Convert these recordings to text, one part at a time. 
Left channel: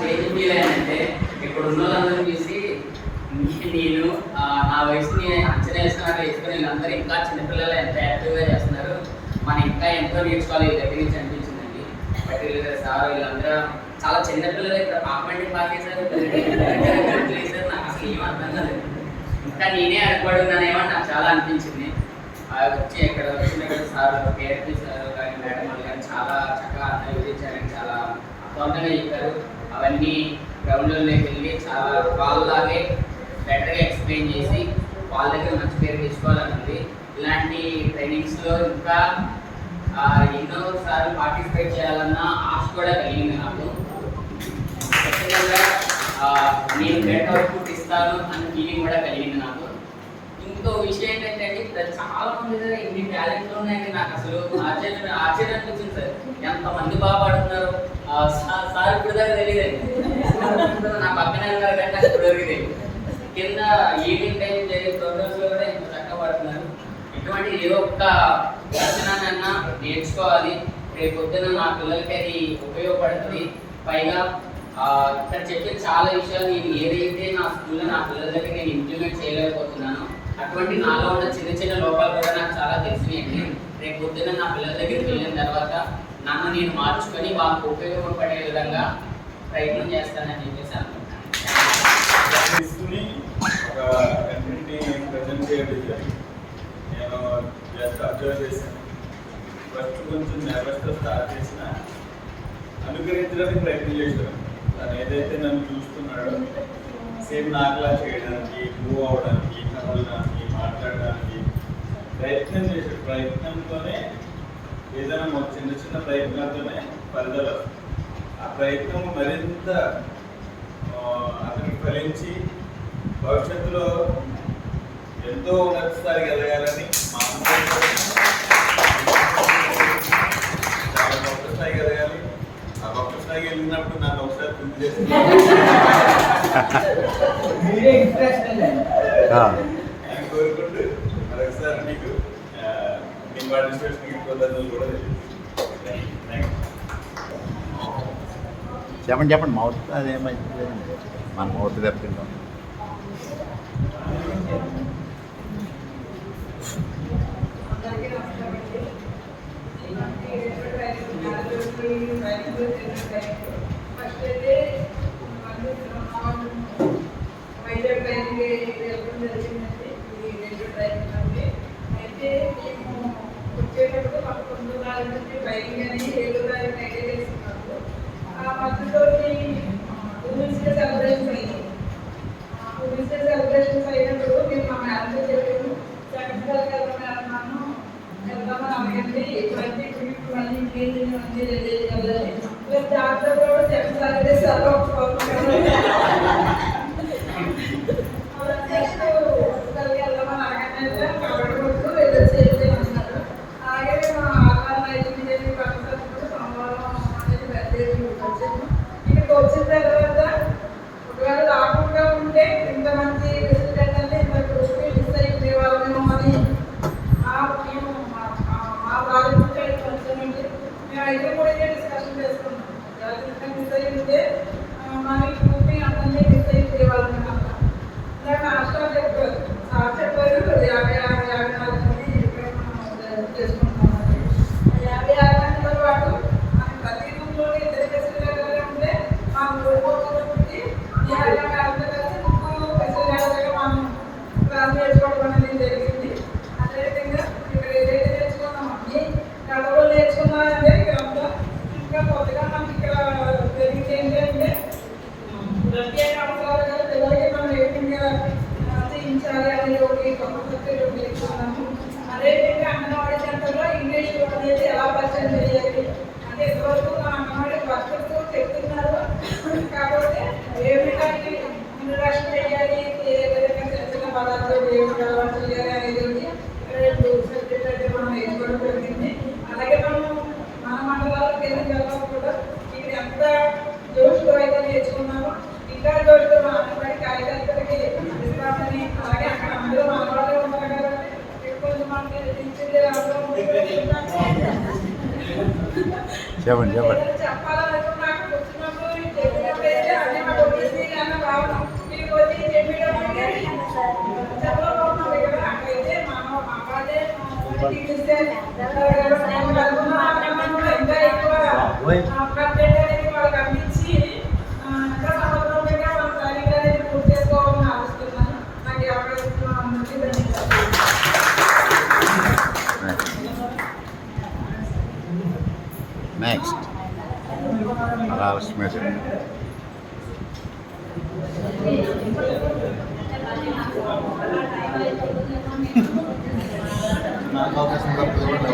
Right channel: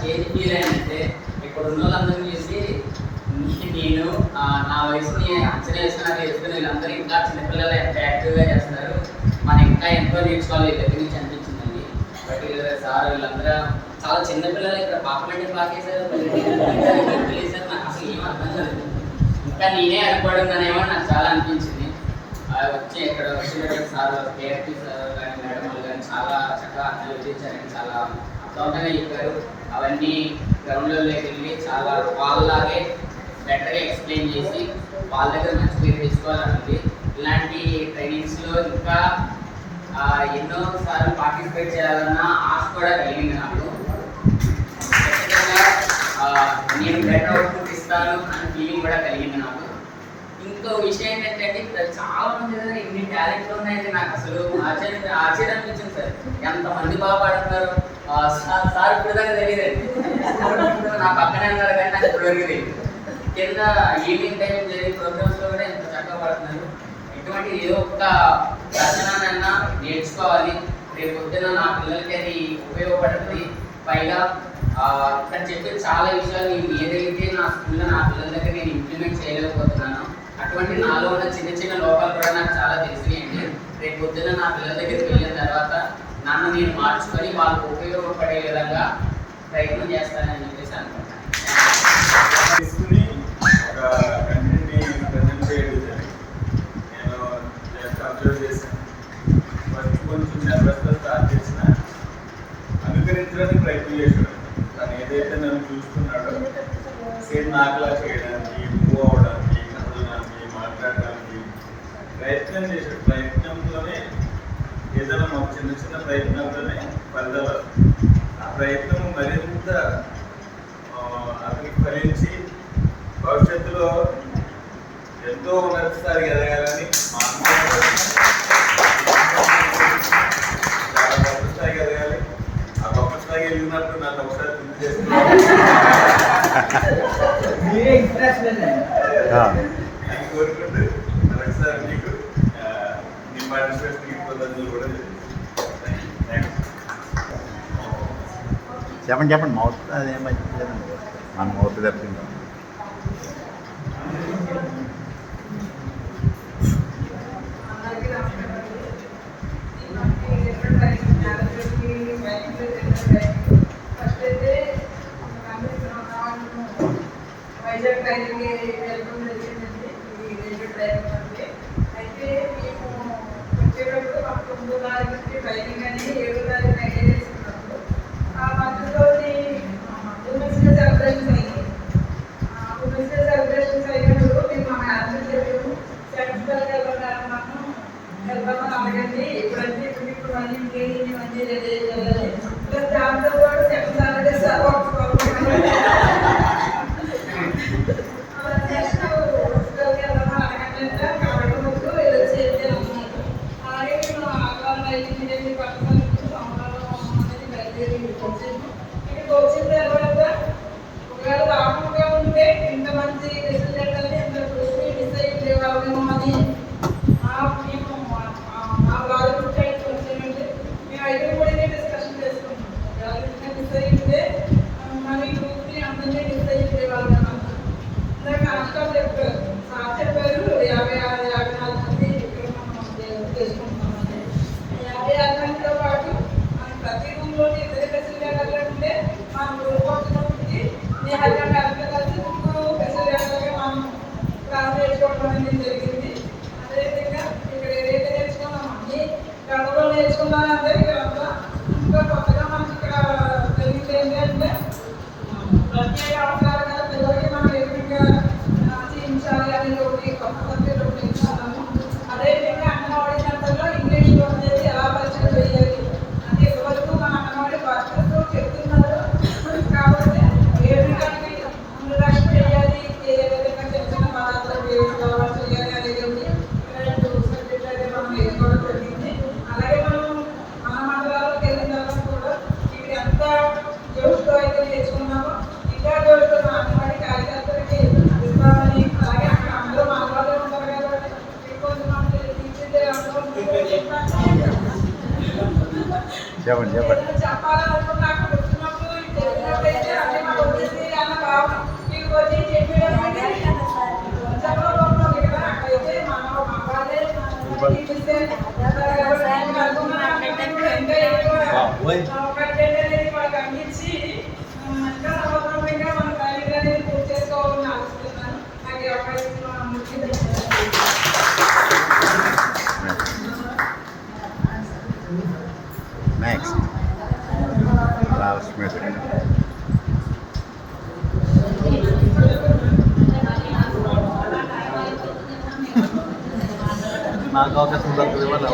Change feel అయ్యానంటే ఇక్కడ ఉన్న వాళ్ళందరూ చూసి నేను నా వయసుని అంచనా వేసినట్టు వేసుకుని వీళ్ళందరూ ఇంకా చిన్నపిల్లలు ఎంత యాక్టివ్గా చేస్తున్నారు, మనం ఇంకా ఎంతో నేర్చుకోవాలి వీళ్ళ దగ్గర నుంచి అనిపించిందండి. బట్ సార్ వీళ్ళందరూ చాలా చిన్నపిల్లలు ఇక్కడ పాపండి పాకేశారు, నాకు అసలు ఏం అర్థం కాలేదు. ఇంకా నేనే అడగబడున్నానేమో నాకు చాలా అనిపించింది. వచ్చి ఇక్కడ వచ్చిన సార్ కేఆర్పీ సార్ కానీ మేడం వాళ్ళు కానీ చాలా చక్కగా అర్థం వివరించారని చాలా అర్థవంతంగా చెప్పారు. అవన్నీ గ్రౌండ్లోకి వెళ్ళి చాలా వాళ్ళలాగే బెటర్గా ఎక్స్ప్లెయిన్ చేసి వాళ్ళ దగ్గర మంచి పేరు తెచ్చుకోవాలని ఉంది. ఇలాంటి ట్రైనింగ్స్లో ఇంకా ఎన్నోసార్లు పార్టిసిపేట్ చేయాలన్న ఆశ కూడా కలిగింది నాకు. ఖచ్చితంగా నేను బెటర్ అవుట్పుట్ ఇస్తాను అన్న ఫీలింగ్ కూడా కలిగింది నాకు. ఇంకో విషయం ఏంటంటే ఇక్కడ చాలా మంది దగ్గర ఇన్ని టాలెంట్లు ఉన్నాయండి. నాకు అసలు ఆశ్చర్యం అనిపించింది సార్, ఎంతమంది బాగా పాడుతున్నారు. సార్ ఇప్పుడు దాకా తెలియదండి, నా పక్కనే ఉన్నారు కానీ నాకు ఇప్పుడు వరకు తెలియదు. కింద ఈవినింగ్ టైం జరిగే ప్రోగ్రామ్స్లో కూడా ఎంత చక్కగా పాడుతున్నారు. ఇటువంటి ఏదో ఒక్క రచననన్నా నేర్చుకోవాలి, రేపు పొద్దున నా పిల్లలకి అది ఉపయోగపడుతుంది. పైగా ఇక్కడ చెప్పిన చాలా విషయాలు నేను ఏదైతే నా స్కూల్లో నా పిల్లల దగ్గర నేను ఇంప్లిమెంట్ చేయలేకపోతున్నానో అటువంటి నాలో ఉన్న చిన్న చిన్న లోపాలు కూడా నాకు చాలా తెలిసినాయండి. రేపు పొద్దున నా పిల్లల దగ్గరికి వెళ్ళిన తర్వాత నన్ను నేను మార్చుకొని వాళ్ళకు ఉపయోగపడే విధంగా ప్రయత్నం చేస్తానని చెప్పేసి అనుకుంటున్నాను. నేను జస్ట్ అబ్జర్వ్ చేశాను. ఫస్ట్ కొంచెం నెర్వస్తో స్టార్ట్ చేసిన అనుకరించడానికి ప్రయత్నం చేశాను. తను ఏదైతే నన్ను చూస్తున్నాడో సేమ్ నాకులా చేయడానికి, మూవ్ అవ్వడానికి, కదలడానికి, మాట్లాడడానికి ప్రయత్నం చేశాడు. ప్రయత్నంతోనే ఏదైనా మాకు చిన్న చిన్న ప్రయత్నాలతోనే ఫలితాలు వస్తాయి. ఆ ప్రయత్నం మరింత అతనికి ఫలించి భవిష్యత్తులో ఎంతో ఉన్నత స్థాయికి ఎదగాలని మా చాలా గొప్ప స్థాయికి ఎదగాలి. ఆ గొప్ప స్థాయికి ఎదిగినప్పుడు నన్ను ఒకసారి గుర్తు చేస్తున్నాను. కోరుకుంటూ మరొకసారి నీకు నీ పార్టిసిపేషన్ పద్ధతులు కూడా చెప్పండి మౌత్ అదేం మంచిది లేదండి, మన మౌత్ తప్పింటాం. ఫస్ట్ అయితే వైజాగ్ ట్రైనింగ్ వెళ్ళడం జరిగిందండి. ఇది రైల్వే ట్రైనింగ్ అండి. అయితే మేము వచ్చేటప్పుడు మాకు 9వ తారీఖు నుంచి ట్రైనింగ్ అని 7వ తారీఖు ఐడియా చేసుకున్నప్పుడు ఆ మధ్యలో ఉమెన్స్ డే సెలబ్రేషన్స్ అయ్యాయి. ఉమెన్స్ డే సెలబ్రేషన్స్ అయినప్పుడు మేము మా మేడంతో చెప్పాము, సెకండ్స్కి వెళ్దాం మనం వెళ్దామని అడగండి. ఇప్పుడంటే ఇప్పుడు మళ్ళీ ఇంకేంటి అన్నీ రెడీ చేయాలి. ప్లస్ దాంతో పాటు సెకండ్ సాటర్డే సార్ నెక్స్ట్ వెళ్దామని అడగండి. కాబట్టి రోజు వెళ్ళొచ్చి అన్నారు. అలాగే మేము ఆకాలం ఇంజనీరింగ్ పర్సన్ సోమవారం అనేది బయలుదేరి వచ్చాము. ఇక్కడికి వచ్చిన తర్వాత ఒకవేళ రాకుండా ఉంటే ఇంత మంచి రిజల్ట్ అంటే ఇంత మిస్ అయిపోయేవాళ్ళేమో అని మా ప్రాజెక్ట్ వచ్చామంటే మేము అయితే కూడా డిస్కషన్ చేసుకున్నాం. మిస్ అయి ఉంటే మన ఈ గ్రూప్ని అందరినీ మిస్ అయిపోయేవాళ్ళం అన్నమాట. ఇందాక హాస్టల్ చెప్పారు, సార్ చెప్పారు 56 మంది ఇక్కడ మనం చేసుకుంటున్నామని. 56 మందితో పాటు మనం ప్రతి రూమ్లోని 2 ఫెసిలిటీలు ఉంటే మనం రూపొచ్చి మీ హైదరాబాద్ కలిసి 3 ఫెసిలిటీలుగా మనం క్లాస్ నేర్చుకోవడం అనేది జరిగింది. అదేవిధంగా ఇక్కడ ఏదైతే నేర్చుకున్నామో అన్ని కథలు నేర్చుకున్నామంటే ఇక్కడ ఇంకా కొత్తగా మనకి ఇక్కడ జరిగింది ఏంటంటే ప్రత్యేక అవసరాలు కదా పిల్లలకి మనం ఏ విధంగా చేయించాలి అనేది ఒకటి కొత్త సబ్జెక్ట్ ఒకటి నేర్చుకున్నాము. అదేవిధంగా అంగన్వాడీ సెంటర్లో ఇంగ్లీష్ అనేది ఎలా పరిచయం చేయాలి అంటే ఇంతవరకు మన అంగన్వాడీ వర్కర్స్తో చెప్తున్నారు. కాకపోతే ఏ విధంగా ఇంట్రడక్షన్ చేయాలి, ఏ విధంగా చిన్న చిన్న పదార్థాలు ఏ విధంగా అలవాటు చేయాలి అనేది సబ్జెక్ట్ అయితే మనం నేర్చుకోవడం జరిగింది. అలాగే మనం మన మండలాల్లోకి వెళ్ళిన తర్వాత కూడా ఇక్కడ ఎంత జోష్తో అయితే నేర్చుకున్నామో ఇంకా జోష్తో అంగన్వాడీ కార్యకర్తలకి ఇస్తామని, అలాగే అక్కడ అందరూ మన వాళ్ళే ఉంటారు కాబట్టి కొంచెం మనకి చెప్పండి చెప్పాలనుకున్నాక వచ్చినప్పుడు చెప్పినప్పుడు కంటెంట్ అనేది వాళ్ళకి అందించి ఇంకా సమగ్రంగా మన తల్లిగా అనేది పూర్తి చేసుకోవాలని ఆలోచిస్తున్నాను. నాకు ఈ అవకాశంలో అందరికీ ధన్యవాదాలు. నెక్స్ట్ రావస్మిత. నాకు అవకాశం దొరకదు ఎవరు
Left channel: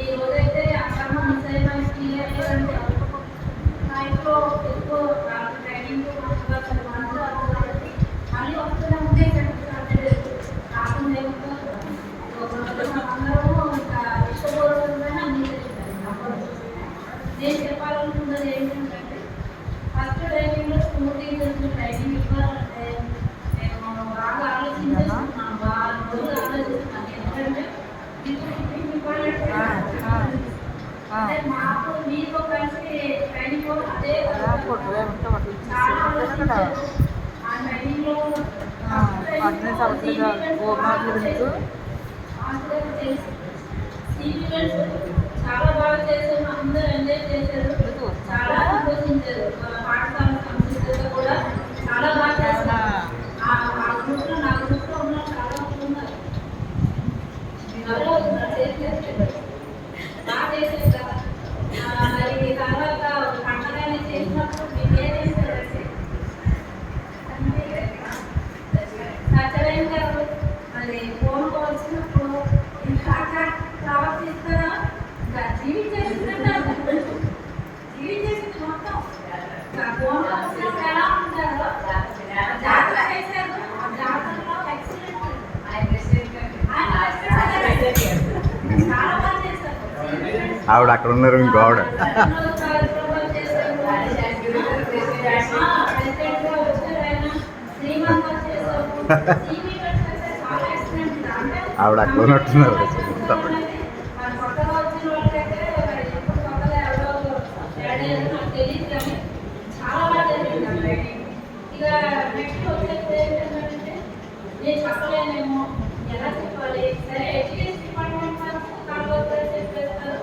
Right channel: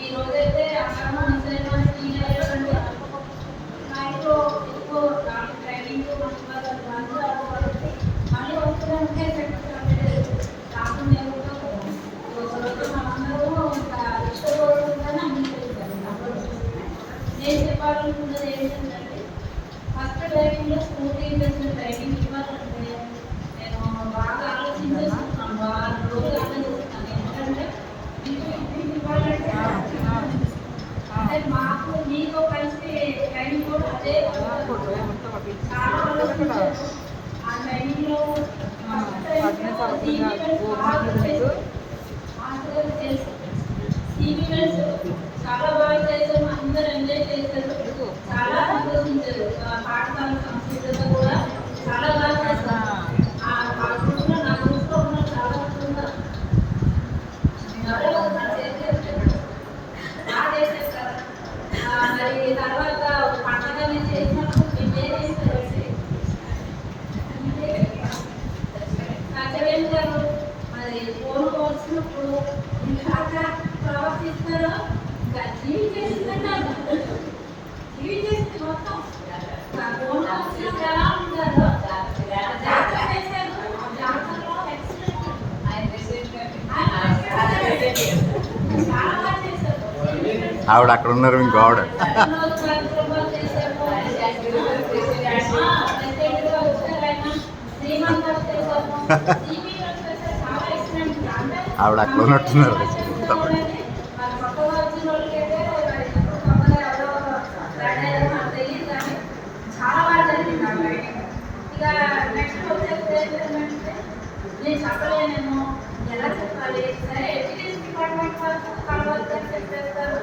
ఈ రోజైతే అక్కడ ఎక్కువ ట్రైనింగ్ మళ్ళీ వస్తూనే ఉంటే రాకుండా ఇష్టపడుతుందని అన్ని నేను చెప్పాలనుకున్నది ఏంటంటే ఫస్ట్ డ్రైవింగ్లో స్కూటీ చేసిన ట్రైనింగ్ ఇవ్వాలంటే నేను బాగా ఆలోచించేస్తున్నాను, బాగా రోజులు ఆలోచిస్తున్నాను. ఎందుకంటే అంటే మాకు మీకు కలిసి ట్రైనింగ్ కూడా అదే ఆ ట్రైనింగ్లో చాలా బాగా చేశారు, అందరూ ఎంజాయ్ చేశారు, చాలా సంతోషించారు. పాఠశాల సంస్కృతిలో కూడా చాలా బాగా చేస్తారు. ఆ గ్రూప్లో నా గ్రూప్లో ఉన్న చాలా మంది ఉన్నారు, బాగా చేశారు కదా. మరి తర్వాత పండగని చేసినప్పుడు మేము సత్యవేం గారు మరి ఫోన్ వచ్చినప్పుడు ఇంకా ప్రవర్తిస్తారా, ఇంకా జీవించేసిందంటారు, జీవించేసింది మొత్తం ఫోన్ వచ్చినప్పుడు ఎలా ఉంటారో జాతర చేశారు. ఆ జాతరలో ఎక్సలెంట్ చాలా బాగా చేశారు. ఆవిడ అక్కడ ఉన్నారు, ఇంకో ఆవిడ ఆవిడ అక్కడ ఉన్నట్టున్నారు. నేను చెప్పలేనేమో, ఎలా చెప్పాలి, సరే ఎడ్యుకేషన్ డిపార్ట్మెంట్ వాళ్ళు చెప్పేస్తారు,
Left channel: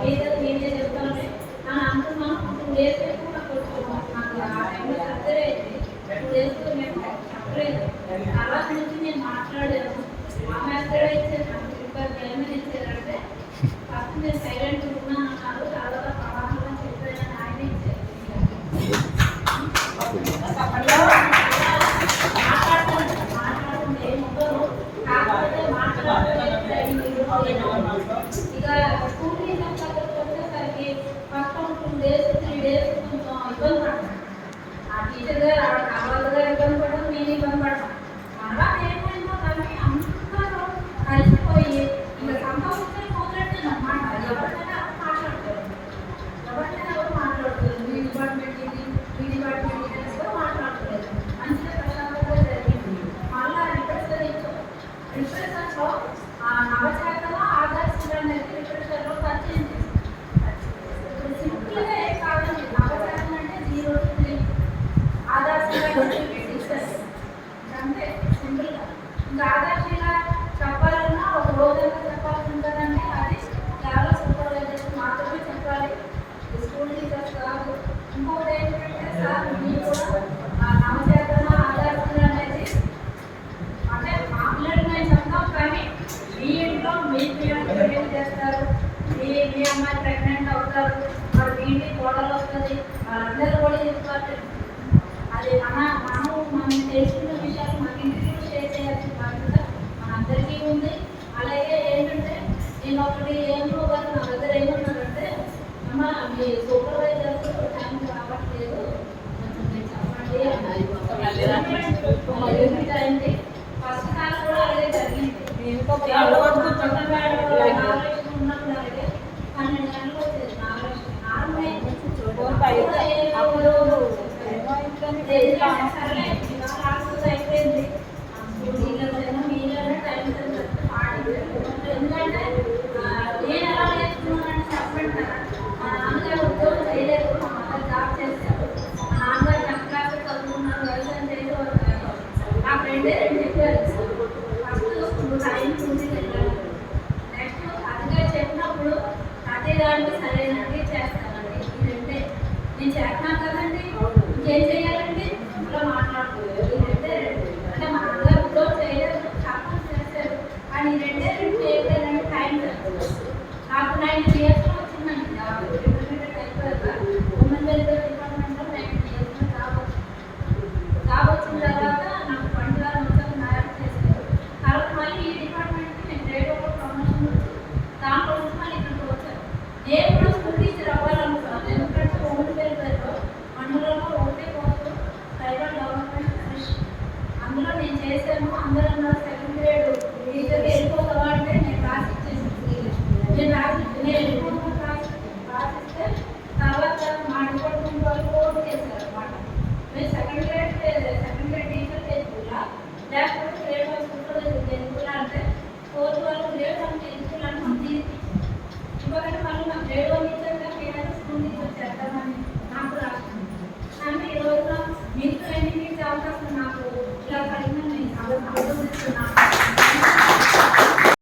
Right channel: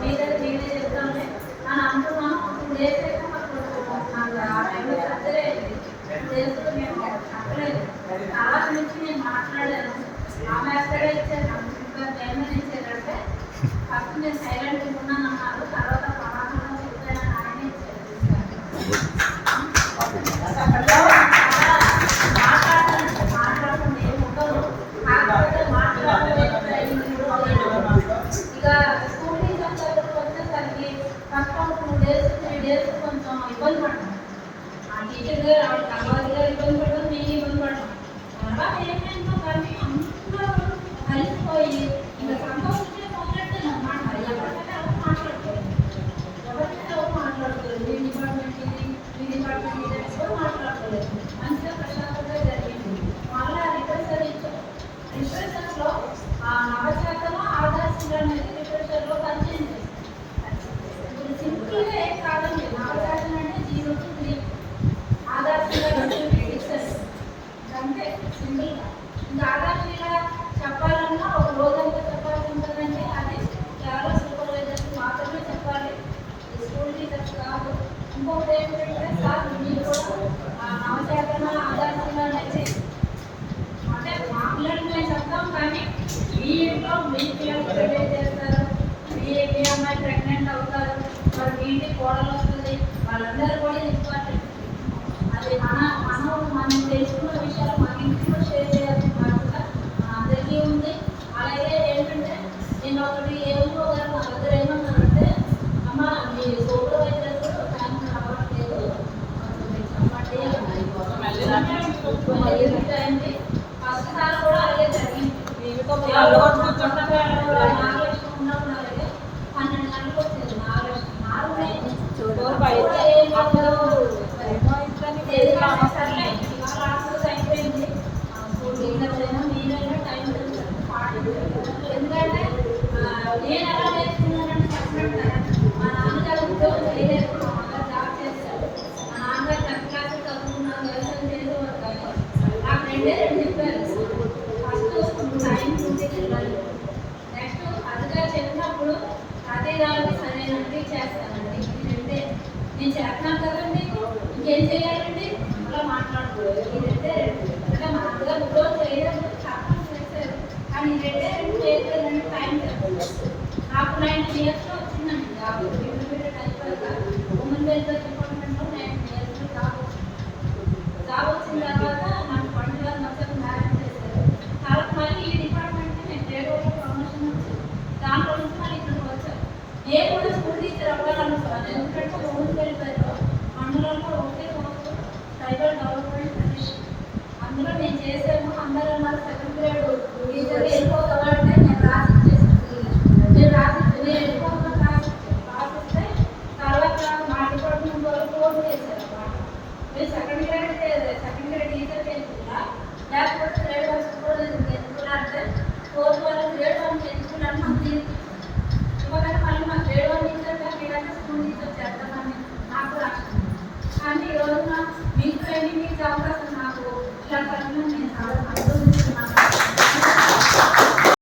మీరే చెప్తాంలే అని అంటున్నాను. ఇప్పుడు లేకపోతే నాకు ఆ టైంలో సర్జరీ అయింది, తెలుసు మేము చెప్పలేదు. తర్వాత నుంచి నేను మాట్లాడాను, ఆమె అక్కడే ఇచ్చారు, నాకు ఇంకా గవర్నమెంట్ ఇచ్చారంటే ఫస్ట్ నేను సైలెంట్ ఉన్నాను అన్నారు, తర్వాత పరామర్శ చెప్పానని ఆయన ఇచ్చారు. మాట్లాడుతుంది ఏముండదు, కాకపోతే మాట్లాడలేదు. ఇక స్కూల్ టీచర్ దగ్గరకు వచ్చేసరికి ఫస్ట్ 2 days 3 days కొంచెం ఇబ్బంది పడ్డాను. ఆ టీచర్ గారు ఆవిడ కలవాలి గారు ఇబ్బంది పడడం, నేను ఇబ్బంది పడ్డాను. తర్వాత ఏమైందో కానీ అందరూ కలిసిపోయి ఇంకా సంతోషించే మొదలెట్టాను అన్నమాట. ఎవరికైనా ఎవరు మాట్లాడుకోలేదు, మీ డిపార్ట్మెంట్ ఇది, మీ డిపార్ట్మెంట్ ఇది అని కూడా మాట్లాడుకోలేదు. మంచిగా ప్రశాంతంగా జరిగింది. మళ్ళీ రిఫ్రెషర్లో ఆ నవచేతలో ఆదర్శంగా అనేది రిఫ్రెషర్లో పరిచయం చేశారు. ఇప్పుడు సింపుల్గా ఏం కాదండి, నవచేతం అంటే 0 to 3 ఆదర్శంగా అంతే సింపుల్గా. ఇంకా ఆదర్శంగా చెప్పాలన్నా ఒక రోజంతా చెప్పాల్సి ఉంటుందంటే అది కేవలం సూపర్వైజర్స్ మాత్రమే చెప్పాలి, స్కూల్ టీచర్స్ కాదు. ఇంకొకటి ఏంటంటే సార్ మీరు కూడా ఆ నవచేతన ఆదర్శంగా అనేది అంటే మా పిల్లలు మేము చెప్తాం, కానీ మీ ఇంట్లో మీ పిల్లలు ప్రిపేర్ చేస్తారు, మీ అమ్మాయి ప్రెగ్నెంట్ అవుతారు, మరి మీ ఇంటికి కోడలు వస్తుంది, వాళ్ళందరూ కూడా ఇంపార్టెంట్. అది మనం తెలుసుకున్న విషయాలు మన ఇంటిలో షేర్ చేయాల్సిన బాధ్యత మనందరికీ ఉంది. అలాగే ఏంటంటే నేను ఒకటి ఏమో గారు నా దగ్గర ఏమన్నానంటే, అమ్మ మీ సూపర్వైజర్స్ టైం రావట్లేదు, మీరు చెప్పండి అయింది. ఫస్ట్ సార్ కూడా అలాగే జరిగింది, ఉన్నప్పుడు అలాగే 12 గంటలకు వచ్చేది, 4 అయిపోయింది. స్కూల్ టీచర్స్ అయినా మీరైనా టైం పాటించారు. ఎందుకంటే నేను ఎలా నేర్చుకున్నానంటే చెప్పండి ఏం చేయాలండి ఇలా మాట్లాడుకోలేదు ఇదైతే అంటే మన అందరూ ఇప్పుడు చేయలేదు చాలా చేశారు కానీ ఇదైతే చేయలేదంటే టైం సరిపోతుంది నాకు 9 years వచ్చిందండి జాబ్ ఇంటర్మీడియట్ అయిపోయాక ఉమెన్ వెల్ఫేర్ డిపార్ట్మెంట్లో 9 years జాబ్ వచ్చిన తర్వాత నాకు 20 మొత్తం మ్యారేజ్ చేశారు తర్వాత మళ్ళీ ఈ డిపార్ట్మెంట్కి నేను గ్రేడ్ 1 ప్రమోషన్ వచ్చి దాంట్లో నుంచి మళ్ళీ ఇక్కడికి వచ్చాను నేను కూడా స్కూల్ టీచర్ అవ్వాలనుకున్నాను ఎందుకంటే ఉమెన్ వెల్ఫేర్లో మండలంలో ఒకటే పోతూ ట్రైబల్ డెవలప్మెంట్ కమిషన్ అందులో నేను చేశాను అందరూ నాకు 7th grade టీచర్